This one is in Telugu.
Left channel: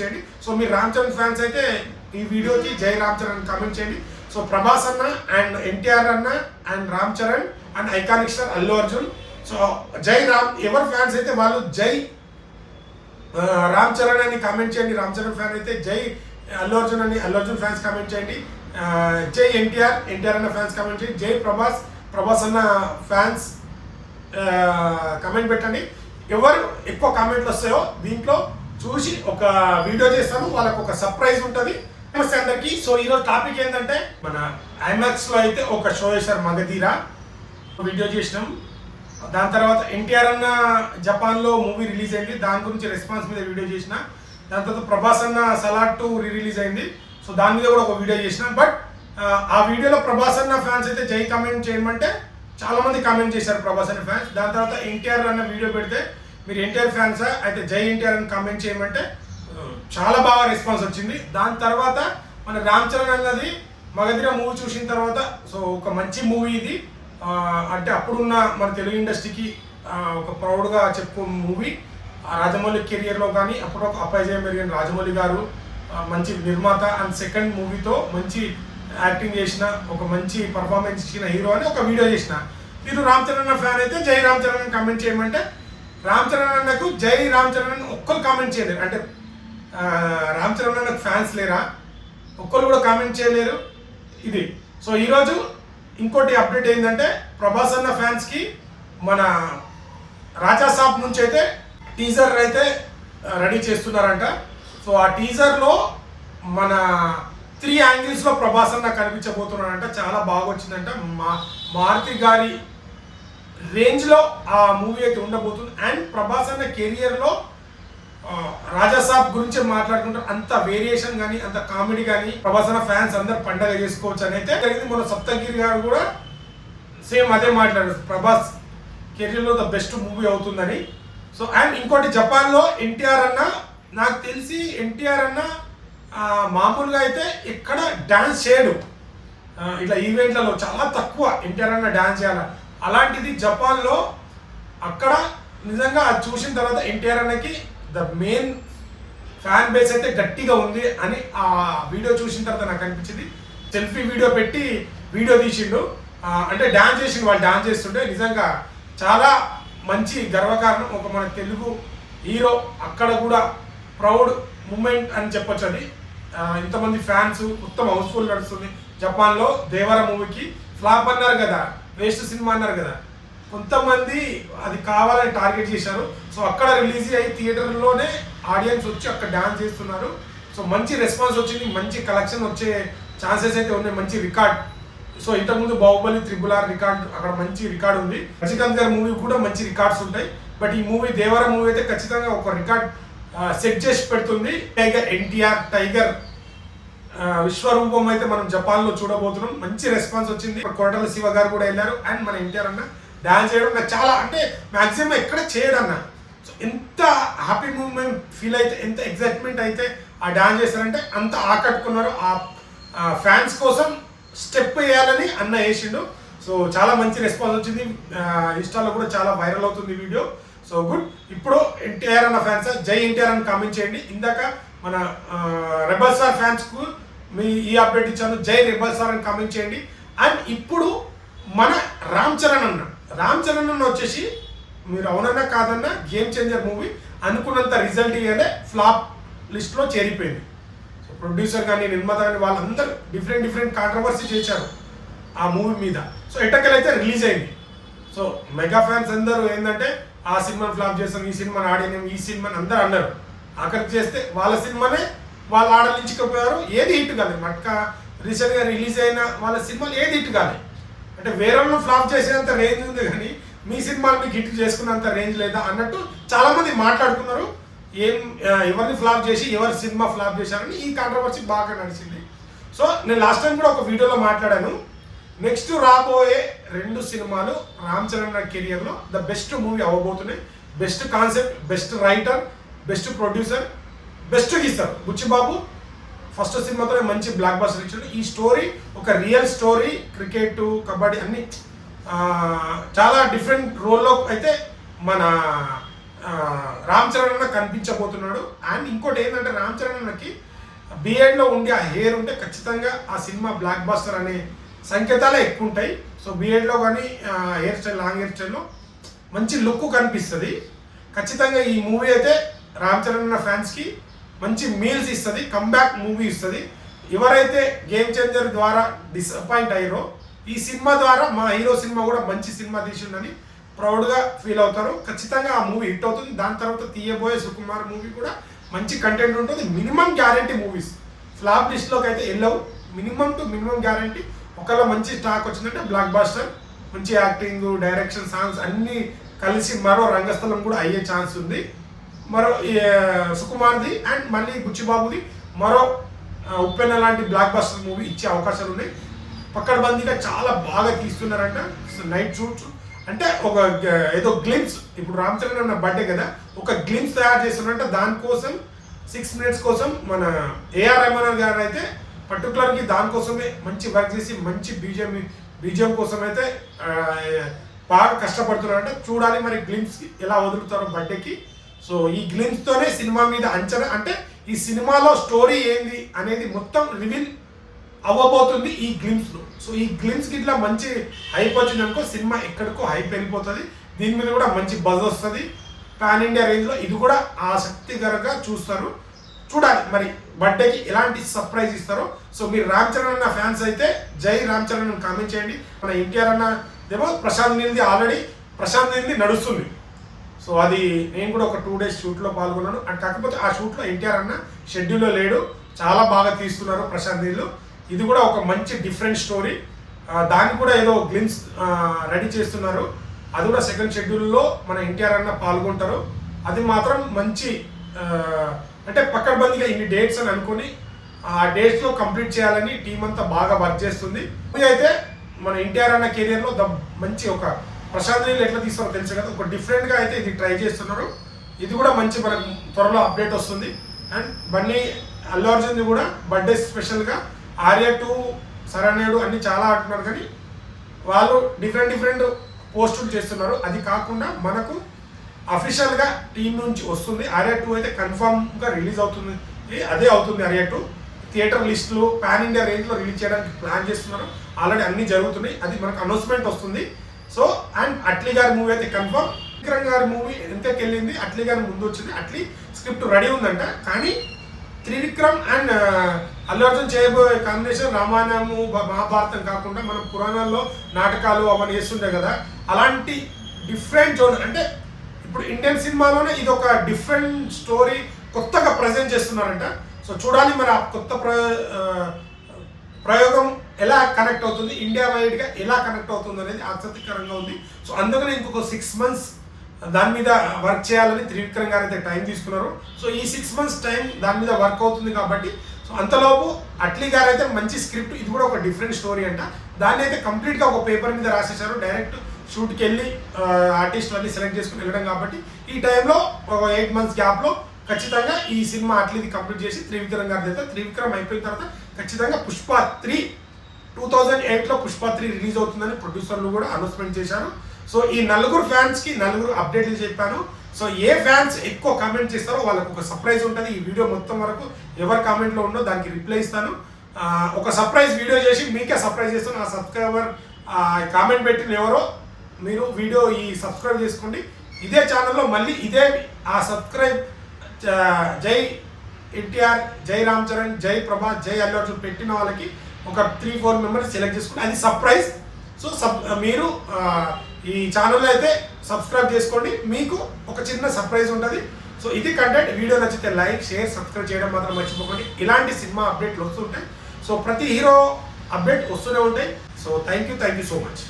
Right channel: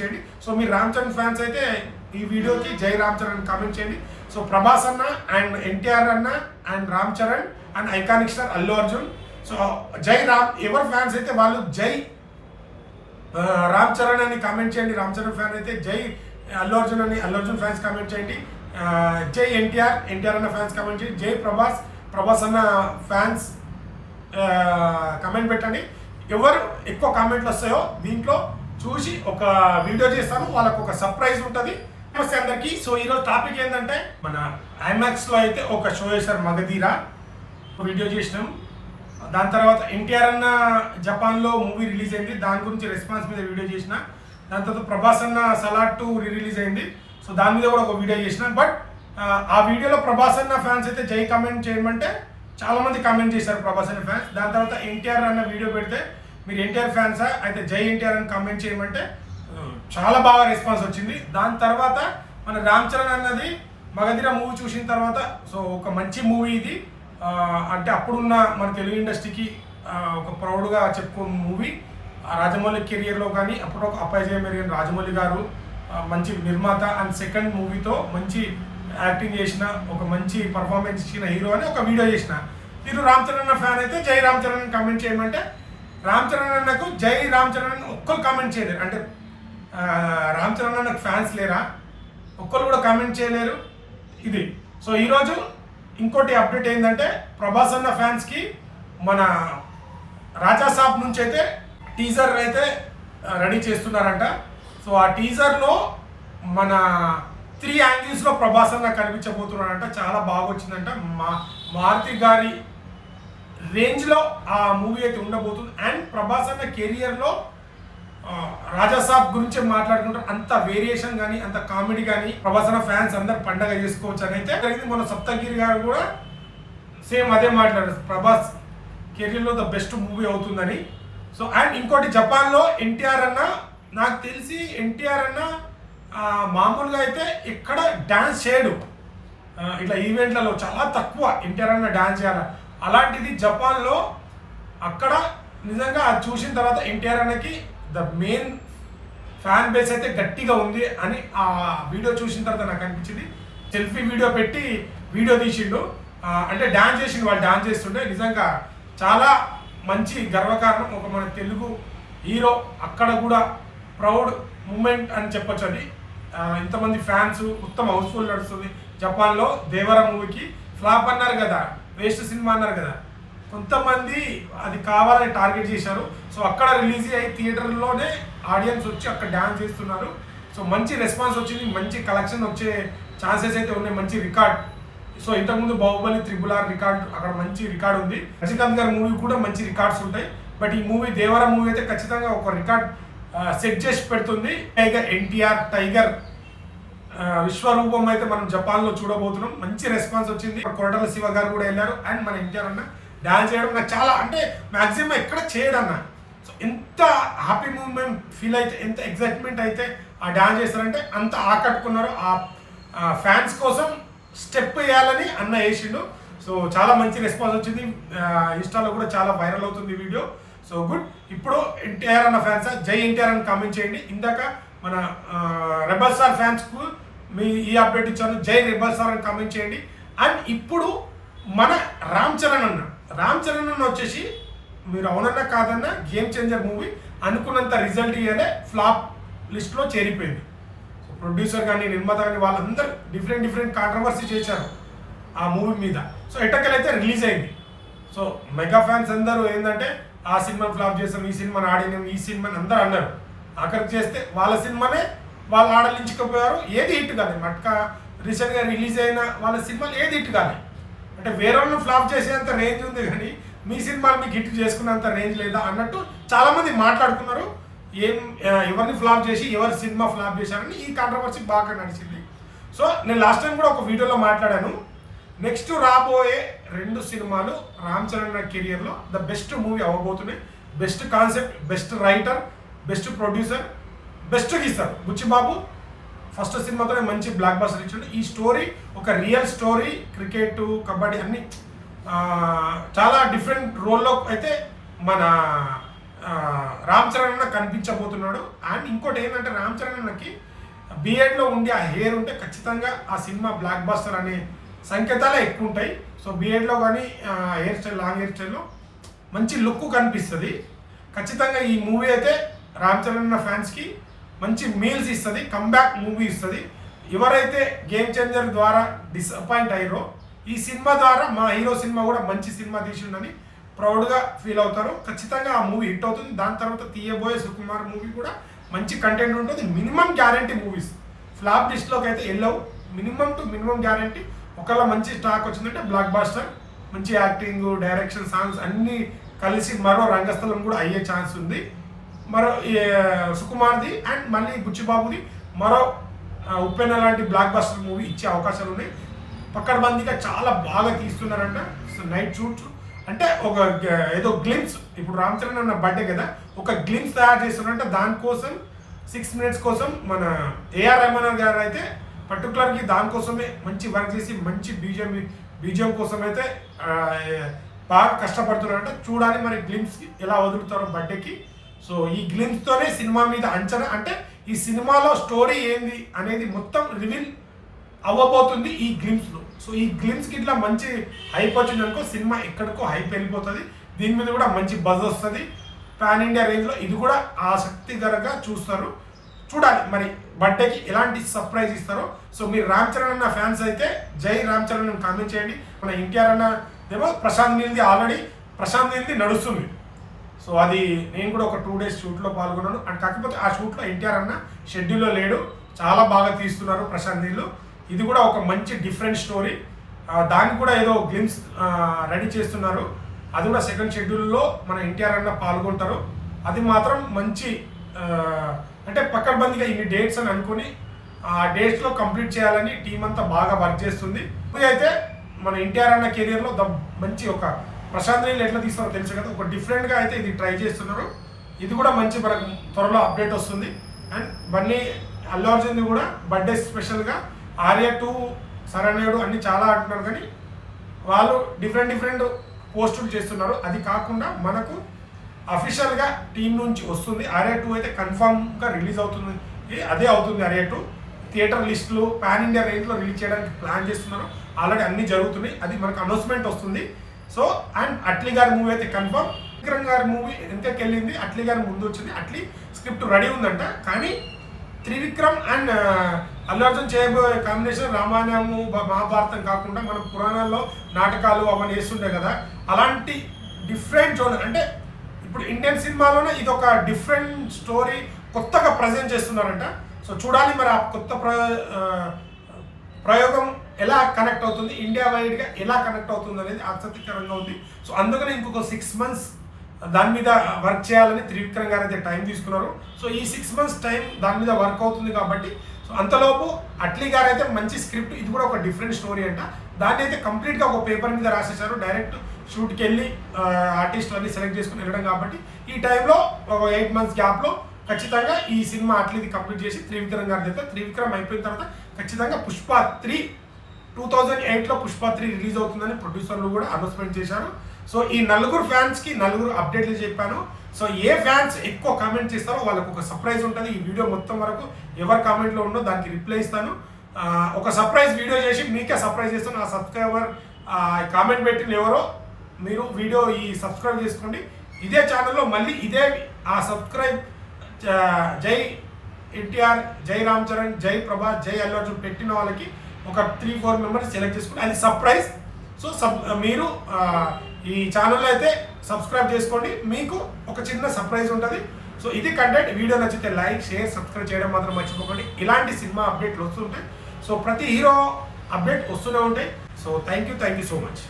చేయండి. సో మీరు రామ్ చరణ్ ఫ్యాన్స్ అయితే ఈ వీడియోకి జై రామ్ చరణ్ కామెంట్ చేయండి. సో ప్రభాస్ అన్న అండ్ ఎన్టీఆర్ అన్న and Ram Charan and iconic star Allu Arjun. So జై రామ్, ఎవరు ఫ్యాన్స్ అయితే వాళ్ళు జై రామ్ చరణ్ అని కామెంట్ చేయండి. రామ్ చరణ్ ఫ్యాన్ అయితే జై అల్లు అర్జున్ అని అల్లు అర్జున్ ఫ్యాన్స్ కామెంట్ చేయండి. జై ఎన్టీఆర్ అన్న ఫ్యాన్స్ కామెంట్ చేయండి. జై ప్రభాస్ అన్న ఫ్యాన్స్ కామెంట్ పెట్టండి. ఎవరు ఎక్కువ కామెంట్లు వస్తాయో దీంట్లో చూసి ఒక వీడియో చేస్తాను, వాళ్ళకు ఒక సర్ప్రైజ్ ఉంటుంది. నమస్తే అందరికీ. సో ఈరోజు టాపిక్ ఏంటంటే మన ఐమాక్స్లో అయితే ఒక షో చేశారు మగధీర, వీడియో చేసినాం. దాని తర్వాత ఎన్టీఆర్ అన్న జపాన్లో మూవీ రిలీజ్ అయింది, దాని గురించి రెస్పాన్స్ మీద వీడియో చేసిన. దాని తర్వాత ప్రభాస్ అన్న సలార్ 2 రిలీజ్ అయింది, సో దాని మీద కూడా ఒక వీడియో చేసిన. బట్ ఆ వీడియోలో ప్రభాస్ అన్న ఫ్యాన్స్ అయితే జై కామెంట్ చేయమంటే చాలా మంది కామెంట్ చేశారు ప్రభాస్ అన్న ఫ్యాన్స్. దాని తర్వాత ఎన్టీఆర్ అన్న వీడియో పెడితే మీరు ఎన్టీఆర్ ఫ్యాన్సా అయితే జై ఎన్టీఆర్ అని కామెంట్ చేయమంటే చాలా బాగా రెస్పాన్స్ వచ్చింది. దాని తర్వాత మన రామ్ చరణ్ అన్నది మగధీర మూవీ చూసిన తర్వాత సో ఒక మంచి మూవీ ఇది, అంటే అప్పుడున్న మన తెలుగు ఇండస్ట్రీకి ఒక ప్రౌడ్గా చెప్పుకో మూవీ. రాజమౌళి కెరియర్లో కానీ అప్పుడు ఒక అపజయం మెరుగైన రాజమౌళి గారు మంచి నిర్మాత అండ్ సెకండ్ మూవీతో మంచి యాక్టింగ్ చేసిన, ఒక మంచి పర్ఫార్మెన్స్ ఇచ్చిన హీరో అని ఒక వీడియో చేసిన. మీరు రామ్ చరణ్ అన్న ఫ్యాన్ అయితే జై రామ్ చరణ్ అని కామెంట్ చేయమంటే రామ్ చరణ్ అన్నకు జై రామ్ చరణ్ అని ఒక్కరు కామెంట్ చేయలేరు. అంటే రామ్ చరణ్ అన్నకు ఫ్యాన్స్ లేరా, ఒక్కరు కూడా కామెంట్ చేయలేరు ఇది. సో ఈరోజు ఇంకోటి అప్డేట్ ఏంటంటే ప్రభాస్ అన్న ఫ్యాన్స్కి మన రాజా సాబ్ నుంచి అయితే టీజర్ అయితే రెడీ చేస్తున్నారంట. సో ఆ టీజర్లో మన 3 యాంగిల్స్లో ప్రభాస్ అన్న కనిపించబోతున్నాడంట. చాలా బాగా వచ్చిందంట. మారుతి గారి రేంజ్లో ఆ మూవీ అయితే ఉండబోతుంది. అండ్ ప్రభాస్ అన్న కెరియర్లో రాజాసాబ్ గురించి మాట్లాడుకుంటారు. అంత వేరియేషన్ కానీ అంత కామెడీ కానీ ప్రభాస్ అన్న ఫ్యాన్స్ అందరు పండగ చేసుకోవచ్చు అని అయితే జరిగింది. మన సప్తగిరి గారు కూడా సేమ్ అదే మాట్లాడారు, ప్రభాస్ కెరియర్లో ద బెస్ట్ మూవీ అవుతుందని. సో అండ్ ఇంకోటి జపాన్లో ఎన్టీఆర్ అన్న, నాకు తెలిసి ఎన్టీఆర్ అన్న మామూలుగా అయితే ఎక్కడ డ్యాన్స్ చేయడు, ఇట్లా ఈవెంట్లలో చాలా తక్కువ ఎన్టీఆర్ అన్న డ్యాన్స్ చేయాలి. అలాంటిది జపాన్లో అక్కడ నిజంగా అది చూసిన తర్వాత ఎన్టీఆర్ అన్నకి ద మెయిన్ ఫ్యాన్ బేస్ అయితే గట్టిగా ఉంది అని ఆ వీడియో చూసిన తర్వాత నాకు అనిపించింది. సెల్ఫీ వీడియో పెట్టి వీడియో తీసిండు, అంటే డ్యాన్స్ చేసిండు, వాళ్ళు డ్యాన్స్ చేస్తుంటే నిజంగా చాలా మంచి గర్వకారణం. ఒక మన తెలుగు హీరో అక్కడ కూడా ప్రౌడ్ మూమెంట్ అని చెప్పొచ్చు. అది ఇంతమంది ఫ్యాన్స్ మొత్తం హౌస్ఫుల్ నడుస్తుంది. జపాన్లో దేవర మూవీకి ఫ్లాప్ అన్నారు కదా, వేస్ట్ సినిమా అన్నారు కదా, కొంతమంది అది కావాలని టార్గెట్ చేశారు. సో అక్కడ రిలీజ్ అయ్యి థియేటర్లోనే ఆడియన్స్ వచ్చి అక్కడ డ్యాన్స్ చేస్తున్నారు. సో మంచి రెస్పాన్స్ వచ్చింది, మంచి కలెక్షన్ వచ్చే ఛాన్సెస్ అయితే ఉన్నాయి, మంచి రికార్డ్. సో ఇంతకుముందు బాహుబలి RRR రికార్డ్, అక్కడ మంచి రికార్డ్ ఉంది. రజనీకాంత్ గారి మూవీ కూడా మంచి రికార్డ్స్ ఉంటాయి. బట్ ఈ మూవీ దేవర మూవీ అయితే ఖచ్చితంగా ఒక రికార్డ్ సెట్ చేసి పెడుతుంది. ఎన్టీఆర్ టైగర్ విశ్వరూపం అయితే మనం జపాన్లో చూడబోతున్నాం. మంచి రెస్పాన్స్ వచ్చింది. కొరటాల శివ గారు కూడా వెళ్ళారు. అండ్ మన ఎన్టీఆర్ అన్న డాన్స్ చేయడం నాకు చాలా, అంటే మ్యాక్సిమం ఎక్కడ చేయడన్న. సో ఎంత హ్యాపీ మూమెంట్ ఫీల్ అయితే, ఎంత ఎగ్జైట్మెంట్ అయితే ఆ డాన్స్ చేస్తారంటే అంత ఆకట్టుకున్నారు. ఆ ఫ్యాన్స్ కోసం స్టెప్ వేయాలని అన్న వేసిండు. సో చాలా మంచి రెస్పాన్స్ వచ్చింది. ఇన్స్టాలో కూడా చాలా వైరల్ అవుతుంది వీడియో. So good. ఇప్పుడు ఎన్టీఆర్ అన్న ఫ్యాన్స్ జై ఎన్టీఆర్ అని కామెంట్ చేయండి. ఇందాక మన రెబల్ స్టార్ ఫ్యాన్స్కు ఈ అప్డేట్ ఇచ్చాను, జై రెబల్ స్టార్ అని కామెంట్ చేయండి. అండ్ ఇప్పుడు మన రామ్ చరణ్ అన్న వచ్చేసి మీరు అవునన్నా కాదన్నా గేమ్ చేంజర్ మూవీ అనుకున్నంత రిజల్ట్ ఇవ్వలే, ఫ్లాప్ లిస్ట్లో చేరిపోయింది. సో ప్రొడ్యూసర్ కానీ నిర్మాత కానీ వాళ్ళందరూ డిఫరెంట్ కాంట్రవర్సీ చేశారు ఆ మూవీ మీద. సో ఎట్టకెళ్ళైతే రిలీజ్ అయింది. సో మెగా ఫ్యాన్స్ అందరూ ఏంటంటే ఆ సినిమాని ఫ్లాప్ చేస్తాం, ఈ సినిమాని ఆడినాం, ఈ సినిమాని అందరూ అన్నారు. అక్కడికి చేస్తే వాళ్ళ సినిమానే వాళ్ళు ఆడలించకపోయారు, ఏది హిట్ కాలేదు. మట్కా రీసెంట్గా రిలీజ్ అయిన వాళ్ళ సినిమాలు ఏది హిట్ కాలేదు. అంటే వేరే వాళ్ళని ఫ్లాప్ చేసేంత రేంజ్ ఉంది కానీ మీ సినిమాని మీకు హిట్ చేసుకున్నంత రేంజ్ లేదా అన్నట్టు చాలామంది మాట్లాడుకున్నారు. ఎవరిని ఫ్లాప్ చేసి ఎవరి సినిమా ఫ్లాప్ చేశారని ఈ కాంట్రవర్సీ బాగా నడిచింది. సో నేను లాస్ట్ టైం కూడా ఒక వీడియోలో మాట్లాడాను, నెక్స్ట్ రాబోయే 2 సినిమాలు రామ్ చరణ్ కెరియర్లో ద బెస్ట్ మూవీ అవ్వబోతున్నాయి. Best concept, best writer, best producer, best గీస్తారు బుచ్చిబాబు. ఫస్ట్ సినిమాతోనే మంచి బ్లాక్ బస్టర్ ఇచ్చాడు. ఈ స్టోరీ ఒక రియల్ స్టోరీ, క్రికెట్, కబడ్డీ అన్ని చాలా డిఫరెంట్ రోల్లో అయితే మన రామ్ చరణ్ అన్న కనిపించబోతున్నాడు. అండ్ ఇంకోటి ఏంటంటే రామ్ చరణ్ అన్నకి బిఎడ్లో ఉండి ఆ హెయిర్ ఉంటే ఖచ్చితంగా ఆ సినిమా బ్లాక్ బస్టర్ అనే సంకేతాలే ఎక్కువ ఉంటాయి. సో బిఎడ్లో కానీ హెయిర్ స్టైల్ లాంగ్ హెయిర్ స్టైల్లో మంచి లుక్ కనిపిస్తుంది. ఖచ్చితంగా ఈ మూవీ అయితే రామ్ చరణ్ అన్న ఫ్యాన్స్కి మంచి మీల్స్ ఇస్తుంది, కమ్బ్యాక్ మూవీ ఇస్తుంది. ఎవరైతే గేమ్ చేంజర్ ద్వారా డిసప్పాయింట్ అయ్యారో ఈ సినిమా ద్వారా మా హీరో సినిమా కూడా మంచి సినిమా తీసిండని ప్రౌడ్గా ఫీల్ అవుతారు. ఖచ్చితంగా ఆ మూవీ హిట్ అవుతుంది. దాని తర్వాత తీయబోయే సుకుమార్ మూవీ కూడా మంచి కంటెంట్ ఉంటుంది. మినిమం గ్యారంటీ మూవీస్ ఫ్లాప్ లిస్ట్లోకి అయితే వెళ్ళవు. Minimum to minimum guarantee. ఒకవేళ మంచి స్టాక్ వచ్చిందంటే బ్లాక్ బాస్టర్, మంచి యాక్టింగ్, డైరెక్షన్, సాంగ్స్ అన్నీ కలిసి మరో రంగస్థలం కూడా అయ్యే ఛాన్స్ ఉంది. మరో సుకుమార్ది అండ్ మళ్ళీ బుచ్చిబాబుది మరో ఉప్పెన్న లాంటి బ్లాక్ బస్టర్ మూవీ ఇచ్చే అవకాశాలు ఉన్నాయి. పక్కడబందీగా చాలా బాగా తీస్తున్నారంట. నైట్ షూట్స్ అంటే ఒక ఏదో గ్లిమ్స్, ఇప్పుడు రామ్ చరణ్ అన్న బర్త్డే కదా, ఒక గ్లిమ్స్ తయారు చేస్తున్నారంటే దానికోసం 6 minutes కోసం మన ఏఆర్ రెహమాన్ గారు అయితే పర్టికులర్గా దానికోసమే మంచి వర్క్ చేసి మంచి బీజిఎం కోసం అయితే బాగా కష్టపడుతున్నారంట. చూడాలి మరి గ్లిమ్స్ ఎలా వదులుతారో బర్త్డేకి. సో ఈ గ్లిమ్స్తోనే సినిమా మీద అంచనా, అంటే ఈ సినిమాలో స్టోరీ ఏంది అనేది మొత్తం రివీల్ అవ్వబోతుంది ఈ గ్లిమ్స్లో. సో ఈ గ్లిమ్స్కి ఇట్లా మంచి హైప్ వచ్చింది అనుకో, సినిమా ఎక్కడికో హైప్ వెళ్ళిపోతుంది. దీని మీద కూడా మంచి బజ్ వస్తుంది. పాన్ ఇండియా రేంజ్లో ఇది కూడా ఆసక్తికరంగా చూస్తారు. చూడాలి మరి బర్త్డేకి ఎలాంటి సర్ప్రైజ్ ఇస్తారో. సో మీరు రామ్ చరణ్ అన్న ఫ్యాన్స్ అయితే జై రామ్ చరణ్ అని కామెంట్ చేయండి. మన ఎన్టీఆర్ అన్న ఏమో ప్రశాంత్ నీల్ది ఆల్రెడీ ప్రశాంత్ నీల్ది నడుస్తుంది. సో అది నేను కూడా ఒక 2 days షూట్లో పాల్గొన్నాను. అండ్ కాకపోతే ఆ షూట్లో ఎన్టీఆర్ అన్న షెడ్యూల్లో లేడు. చాలా బాగా తీస్తున్నారు ప్రశాంత్ నీళ్ళు. ఇది కూడా ఒక మంచి డిఫరెంట్ స్టోరీ. దాన్ని కూడా ఏదో గ్లిమ్స్ రెడీ చేస్తున్నారు. అది కూడా సెకండ్ షెడ్యూల్లో మన ఎన్టీఆర్ అన్న పాల్గొంటారు. అది మాత్రం మంచి అంటే పక్కడబందిగా ఇన్ని డేట్స్ అని అనుకుని ఆ డేట్స్లో కంప్లీట్ చేయాలని టీం అంతా బాగా వర్క్ చేస్తుంది. ఇది అయితే మన ఎన్టీఆర్ అన్న కెరియర్లో మంచి ఒక ప్రశాంత్ నీళ్ళు ఎట్లా తీస్తారో తెలుసు కదా, ఒక డిఫరెంట్గా అయితే ఇది ట్రై చేస్తున్నారు. ఇది కూడా మంచి మనకు త్వరలో అప్డేట్ వస్తుంది. అండ్ బన్నీ అల్లు అర్జున్ది కూడా బర్త్డే స్పెషల్గా ఆర్య 2 శరణ్యుడు అన్ని చాలా అంటున్నారు, కానీ వాళ్ళు డిఫరెంట్ పోస్టులు చేస్తున్నారు. అది కాకుండా మనకు అఫీషియల్గా టీం నుంచి వస్తుంది. ఆర్య 2 అయితే కన్ఫామ్గా రిలీజ్ అవుతుంది. అదే అవుతుంది ఆర్య 2. థియేటర్ లిస్టులు పాన్ ఇండియా రేంజ్లో రిలీజ్ చేయడానికి ప్లాన్ చేస్తున్నారు. ఆల్రెడీ అన్నీ జరుగుతున్నాయి. అది మనకు అనౌన్స్మెంట్ వస్తుంది. సో అండ్ అట్లీ గారి మూవీ అయితే కన్ఫర్మ్. విక్రమ్ గారి మూవీ ఎంతకి వెళ్ళింది, అట్లీ గారి ముందు వచ్చింది. అట్లీ స్క్రిప్ట్ రెడీ ఉందంట. కానీ త్రివిక్రమ్ అండ్ అల్లు అర్జున్ చేయబోయే కాంబినేషన్ రామాయణము మహాభారతం కాకుండా మనం పురాణాల్లో నాటకాలు అవన్నీ వేస్తుంటాయి కదా, అలాంటి డిఫరెంట్ జోన్. అంటే ఇప్పుడు ఇండియన్ సినిమాలోనే ఇది ఒక డిఫరెంట్ స్టోరీ కొత్తగా ప్రజెంట్ చేస్తున్నారంట. సో చూడాలి మరి ఆ కొత్త ప్రయోగం ఎలా కనెక్ట్ అవుతుంది, ఇండియా వైడ్గా ఎలా కనెక్ట్ అవుతుంది అనేది ఆసక్తికరంగా ఉంది. సో అందుకని ఇంకొక 6 months దాని మీద వర్క్ చేయాలని త్రివిక్రమ్ గారు అయితే టైం తీసుకున్నారు. సో ఈ 6 months టైం దాని మీద వర్క్ అవుతుంది కాబట్టి సో అంతలోపు అట్లీ గారు అయితే మంచి స్క్రిప్ట్, ఇది కూడా ఒక డిఫరెంట్ స్టోరీ అంట. దాన్ని అయితే కంప్లీట్గా ఒక పేపర్ మీద రాసేసారు. డైరెక్ట్ షూట్కి వెళ్ళి ఆర్టిస్టులన్నీ సెలెక్ట్ చేసుకుని వెళ్ళడం కాబట్టి ఈ టైంలో ఒక 8 months గ్యాప్లో ఖచ్చితంగా ఈ సినిమా అట్లీది కంప్లీట్ చేసి త్రివిక్రమ్ గారి అయితే త్రివిక్రమ్ అయిపోయిన తర్వాత ఖచ్చితంగా పుష్ప 3 2008లో పుష్ప 3 రిలీజ్ అవుతుందని ప్రొడ్యూసర్లు కూడా అనౌన్స్మెంట్ చేశారు. సో ఈ 4 ఫ్యాన్స్కి 4 అప్డేట్లు చెప్పాను. సో ఏ ఫ్యాన్స్ ఎక్కువ కామెంట్ చేస్తారో వాళ్ళకు ఒక సర్ప్రైజ్ ఉంటుంది. ఈ వీడియో మొత్తం వరకు ఎవరు కామెంట్లో ఉన్నో దానికి రిప్లై ఇస్తాను. ఒక సర్ప్రైజ్ వీడియో చేసి మీకే సర్ప్రైజ్ చేస్తాను. ఆ సబ్స్క్రైబర్ కామెంట్ పెట్టిన ఎవరో మీరు వీడియో సబ్స్క్రైబ్ చేసుకోండి. ఇదే ఛానల్లో మళ్ళీ ఇదే ఆ సబ్స్క్రైబ్ జై ఎన్టీఆర్, జై రామ్ చరణ్, జై ప్రభాస్, జై అల్లు అర్జున్ పెట్టిన వాళ్ళకి ఒక 3-4 మెంబర్స్ సెలెక్ట్ చేసుకుంటే అది సర్ప్రైజ్. సో మీరు ఈ ఛానల్లో అయితే సబ్స్క్రైబ్ చేసుకోండి, మీకు ఒక చిన్న సర్ప్రైజ్ ఉంటుంది. సో ఇది కంటెంట్. వీడియో నచ్చితే లైక్, షేర్, సబ్స్క్రైబ్ చేయడం మాత్రం మర్చిపోకండి. ఇలాంటి సినిమా అప్డేట్లు వస్తుంటాయి. సో ప్రతి హీరో అప్డేట్ వస్తూనే ఉంటాయి. So thank you so much.